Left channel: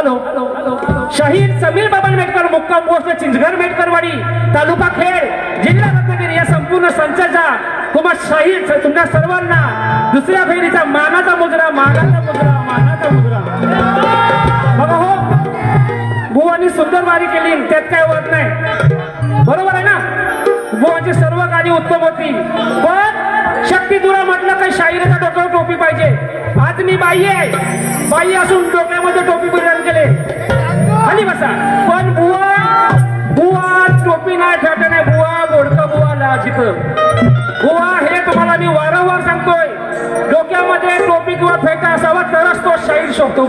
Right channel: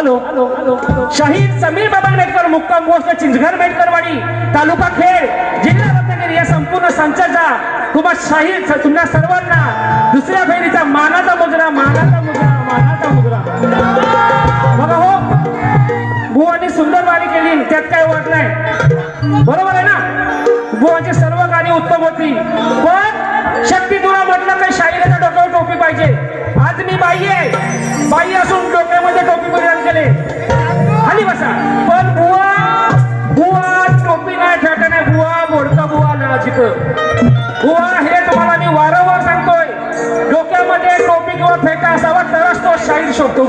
Hello शहीद समीर बाबा आंबेडकर मुक्काम पोस्ट चिंचघर मेटकरवाडी तालुका खेड जिल्हा रत्नागिरी या संपूर्ण संचाचा तुम्हा शहीद तुमच्या सर्वांना दुसऱ्या फेरीचा मानाचा मुजरा मानाचा मुजरा मानाचा मुजरा. बघा हो बुवानी सुंदर गाणी केली त्यात काही वाट नाही. बरोबर आहे ना? बुवाची सर्व गाणी उत्तम होती. पण शक्ती तुला म्हटलं तर शाहिराचा डोक्यावर टोपी पाहिजे? आज मी बाई आहे. बाई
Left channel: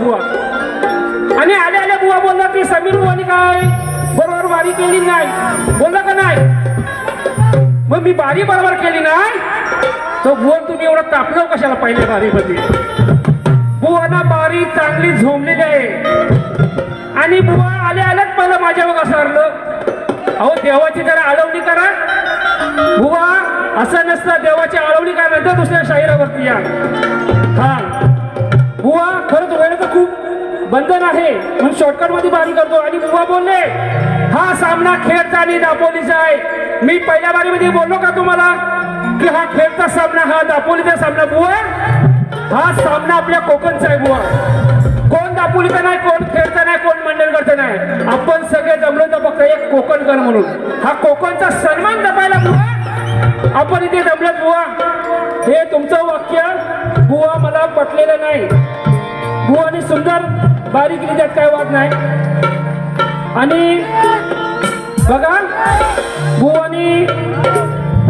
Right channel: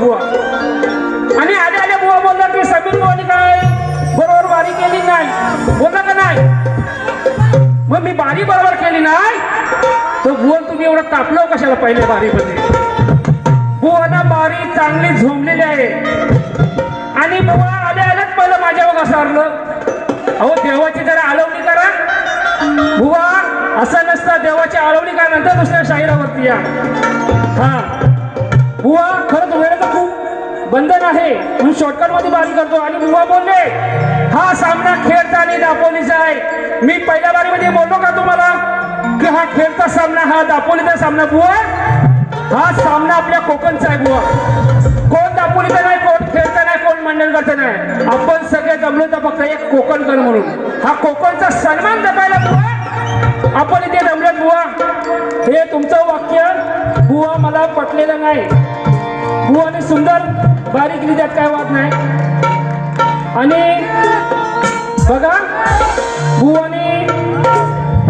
बुवा. आणि आले आले बुवा बोलला की समीर बुवानी काय? बरोबर बारी केली नाही. बोलला का नाही? मग मी बारी बरोबर केली नाही? तो बुवा तुम्ही एवढं तापलं कशाला पहिले बारीमध्ये? बुवाना बारी चांगली झोंबलेली आहे. आणि बुवा आल्या आल्याच पहिलं माझ्यावर घसारलं अहो देवाची जरा आळवणी करा. बुवा असं नसतं देवाची आळवणी काय म्हणतात दुसऱ्या शाहिरावरती या. हा. बुवा खरंच वेळेचं खूप बंधन आहे. म्हणून शॉर्टकटमध्ये बारी करतो आणि बुवा बोलले हा सामना खेळता आणि दापोलीचा आहे. मी पहिल्या बारीमध्ये बोललो का तुम्हाला? की हा खेळचा सामना हा दापोलीचा सामना बुवा. हा सामना आपल्या कोकणचा आहे बुवा. कोण दापोलीचा नाही कोण खेळचा नाही कोण मंडणगडचा नाही. आपण सगळे जमलो तर फक्त एक कोकणकर म्हणून. हा कोकणचा सन्मान जपायला बुवा. आपण इथे जमले बुवा. हे तुमचं वाक्य बुवा मला पटलेलं नाही. बुवाने सुंदर बारीक लिहितात काय वाद नाही. आणि बघा बुवानी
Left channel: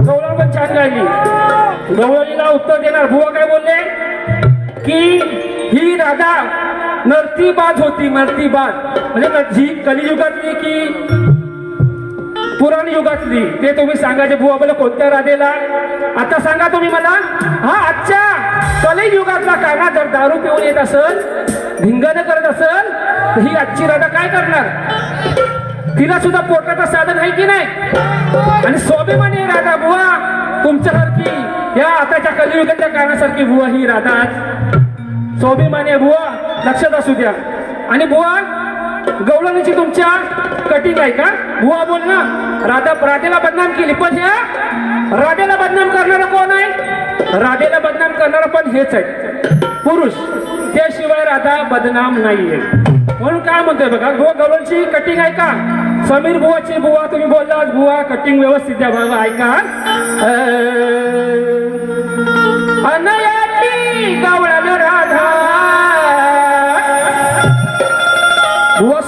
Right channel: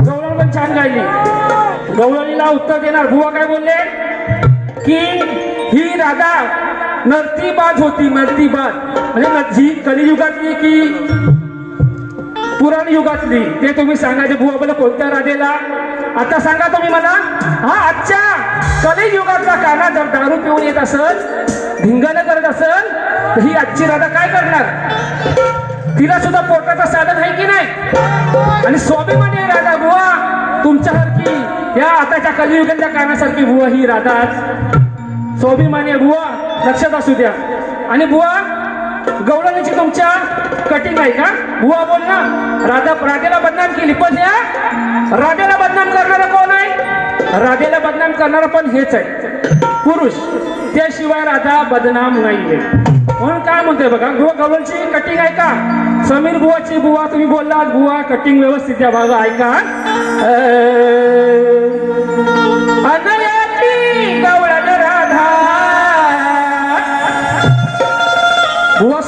गवळण पण छान गायली. गवळणीला उत्तर देणार. बुवा काय बोलले? की ही राधा नर्तीबाज होती नर्तीबाज. म्हणजे जी कलियुगातली की पुराण युगातली ते तुम्ही सांगायचे. बुवा बोला कोणत्या राधेला? आता सांगा तुम्ही मला. हा आजच्या कलियुगातला काना जर दारू पिऊन येत असल धिंगाणं करत असल तर ही आजची राधा काय करणार? तिला सुद्धा पोटाचं साधन आहे की नाही? आणि स्वाभिमानी राधा बुवा तुमच्यासारखी या आताच्या कलियुगातल्या कानासारखी बुवा ही राधा. स्वाभिमानी आहे बुवा लक्षात असू द्या. आणि बुवा गवळणीची तुमच्या कटिंग आहे का? बुवा बोल ना. राधा राधेला बदनाम केली. पण या राधेला बदनाम करणार कोण? राधेला बदनाम करणार पण हेच आहे. पुरुष त्याशिवाय राधा बदनाम नाहीये. म्हणून काय म्हणतोय बघा गो गवळणची कटिंग आहे का? समीर बुवाची बुवा तुम्ही बोललात बुवा कटिंग व्यवस्थित आहे. बघा ऐका. अनयाची गवळण राधा. बुवा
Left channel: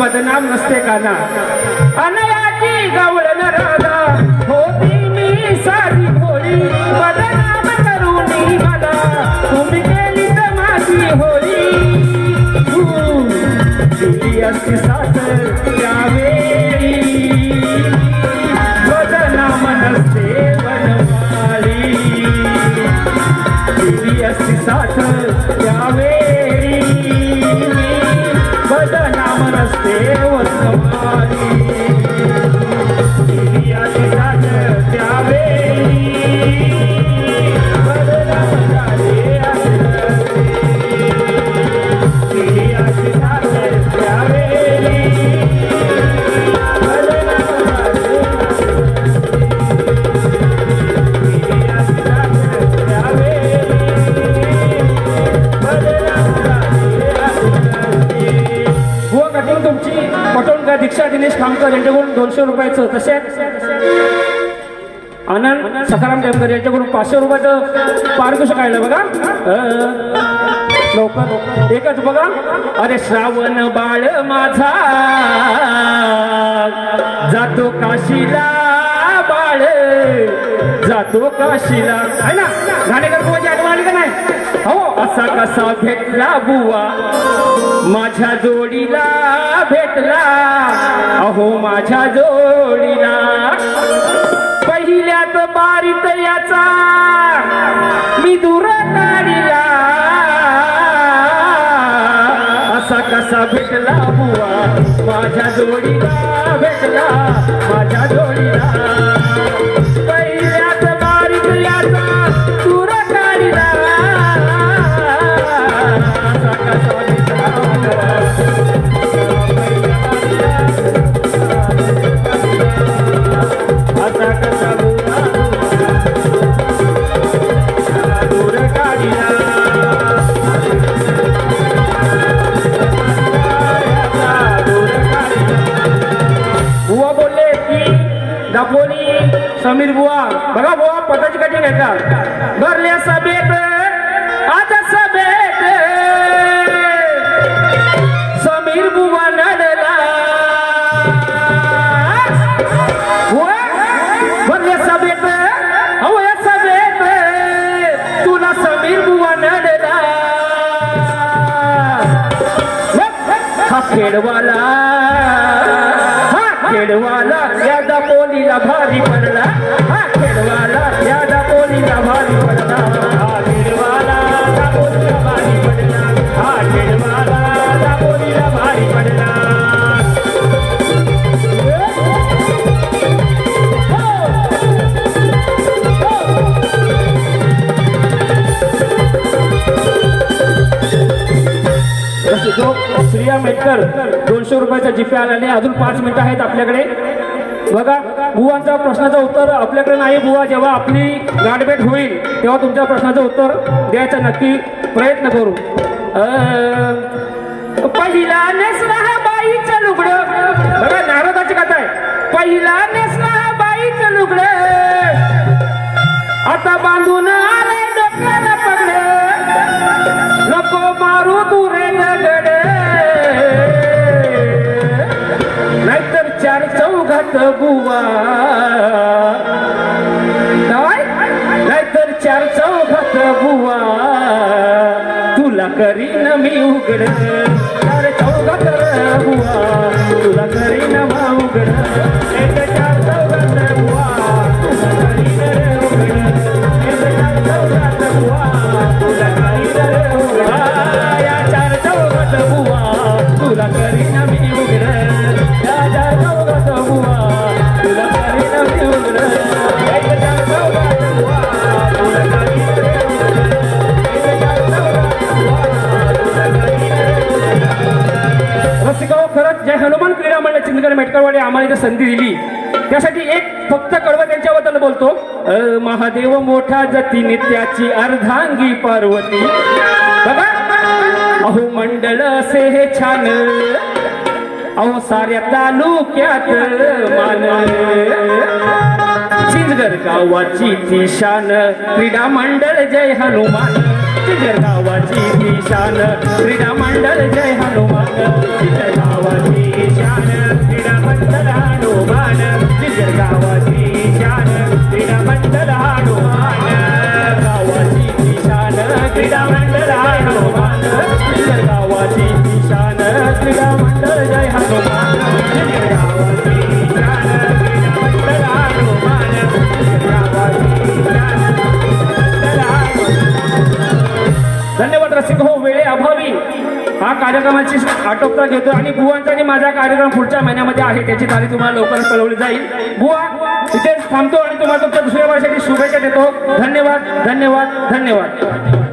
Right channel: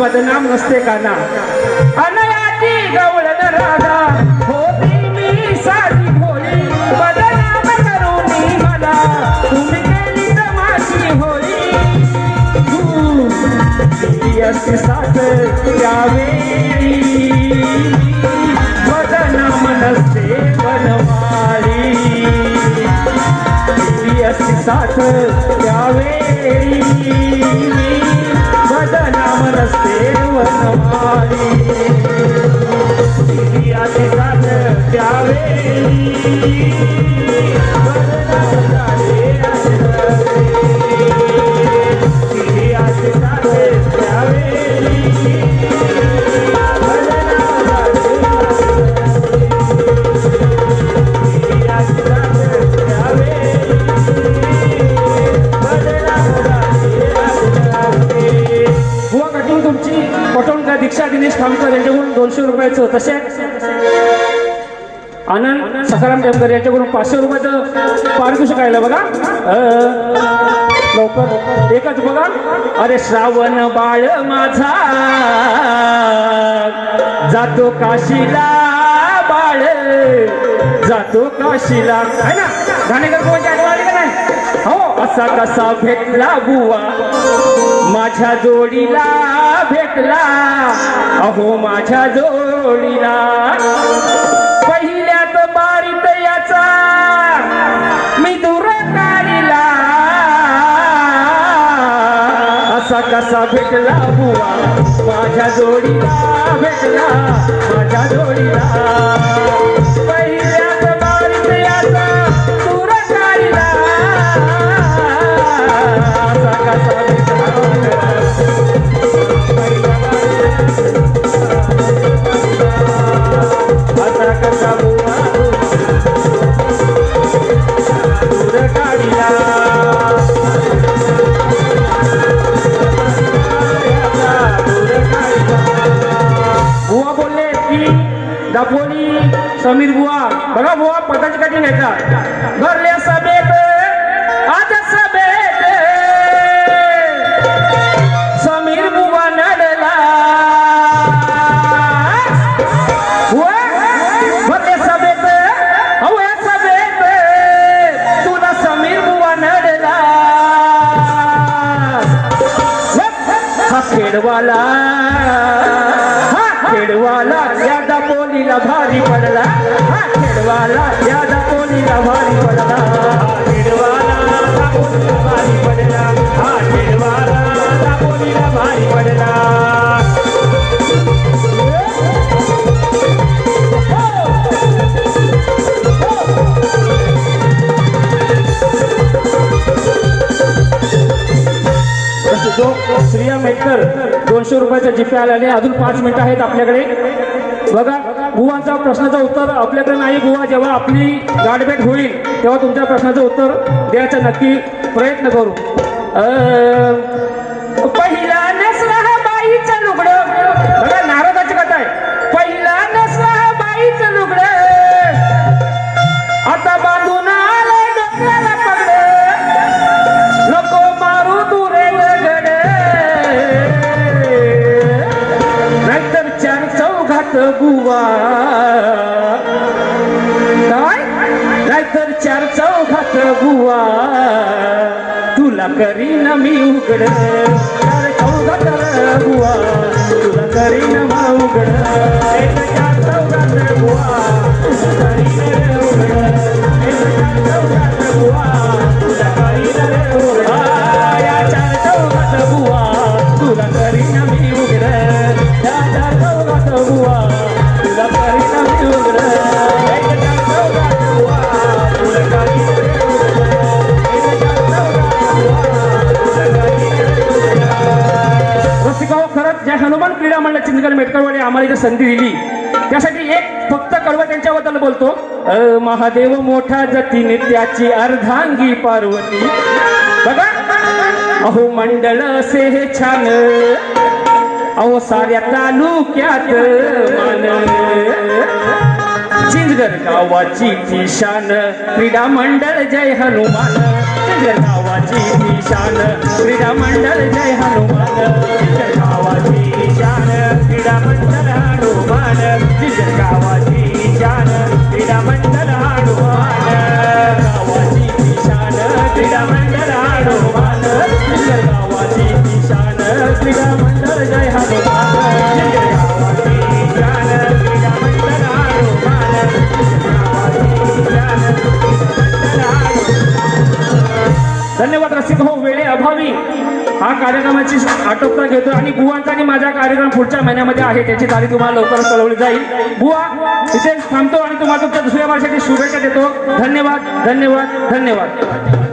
बदनाम नसते का ना अनयाची गवळण तसेच आनंद सखाराम टेमकर यांच्याकडून पाचशे रुपयाचं पारितोषिक आहे बघा. लवकर. एकच बघा. अरे श्रावण बाळ माझा. जातो काशीला बाळ. जातो काशीला. आहे ना? गाणेकर आठवण आली का नाही? हो असा कसा भेटला बुवा? माझ्या जोडीला भेटला. अहो माझ्या जोडीला पहिल्यात समीर बुवा बघा बुवा पकड कठीण आहे का भरले सभेत आज सभेत. समीर बुवा नडला. बुवा, भरले सभेत. अहो या सभेत. तुला समीर बुवा नडला. हा खेडवाला हा खेडवाला या दापोलीला भारी पडला अजून पाच मिनिटं आहेत आपल्याकडे. बघा बुवांचा प्रश्नाचं उत्तर आपल्याकडे नाही. बुवा जेव्हा आपली गाठभेट होईल तेव्हा तुमच्या प्रश्नाचं उत्तर द्यायचा नक्की प्रयत्न करू. मी संधी दिली. त्यासाठी एक फक्त कडवं त्यांच्याबद्दल बोलतो. महादेव मोठा जतीने त्याची अर्धांगी पार्वती. बघा. अहो मंडळ असे हे छान. अहो साऱ्या तालुक्यात मान. गावाची ती शान. क्रीडा मंडळ जय हनुमान. चिंचगड गावाची क्रीडा मंडळ जय हनुमान. जय गावाची शान क्रीडा मंडळ हनुमान. जय गावाची धन्यवाद रसिक. हो वेळे अभावी. हा कार्यक्रमाची आटोपता घेतो आणि बुवांचा आणि माझा कार्यक्रम पुढच्या महिन्यामध्ये आहे. त्याची तारीख तुम्हाला लवकरच कळवली जाईल. बुवा इथे थांबतो आणि तुम्हाला तुमच्या दुसऱ्या वर्षाची शुभेच्छा देतो. धन्यवाद धन्यवाद धन्यवाद.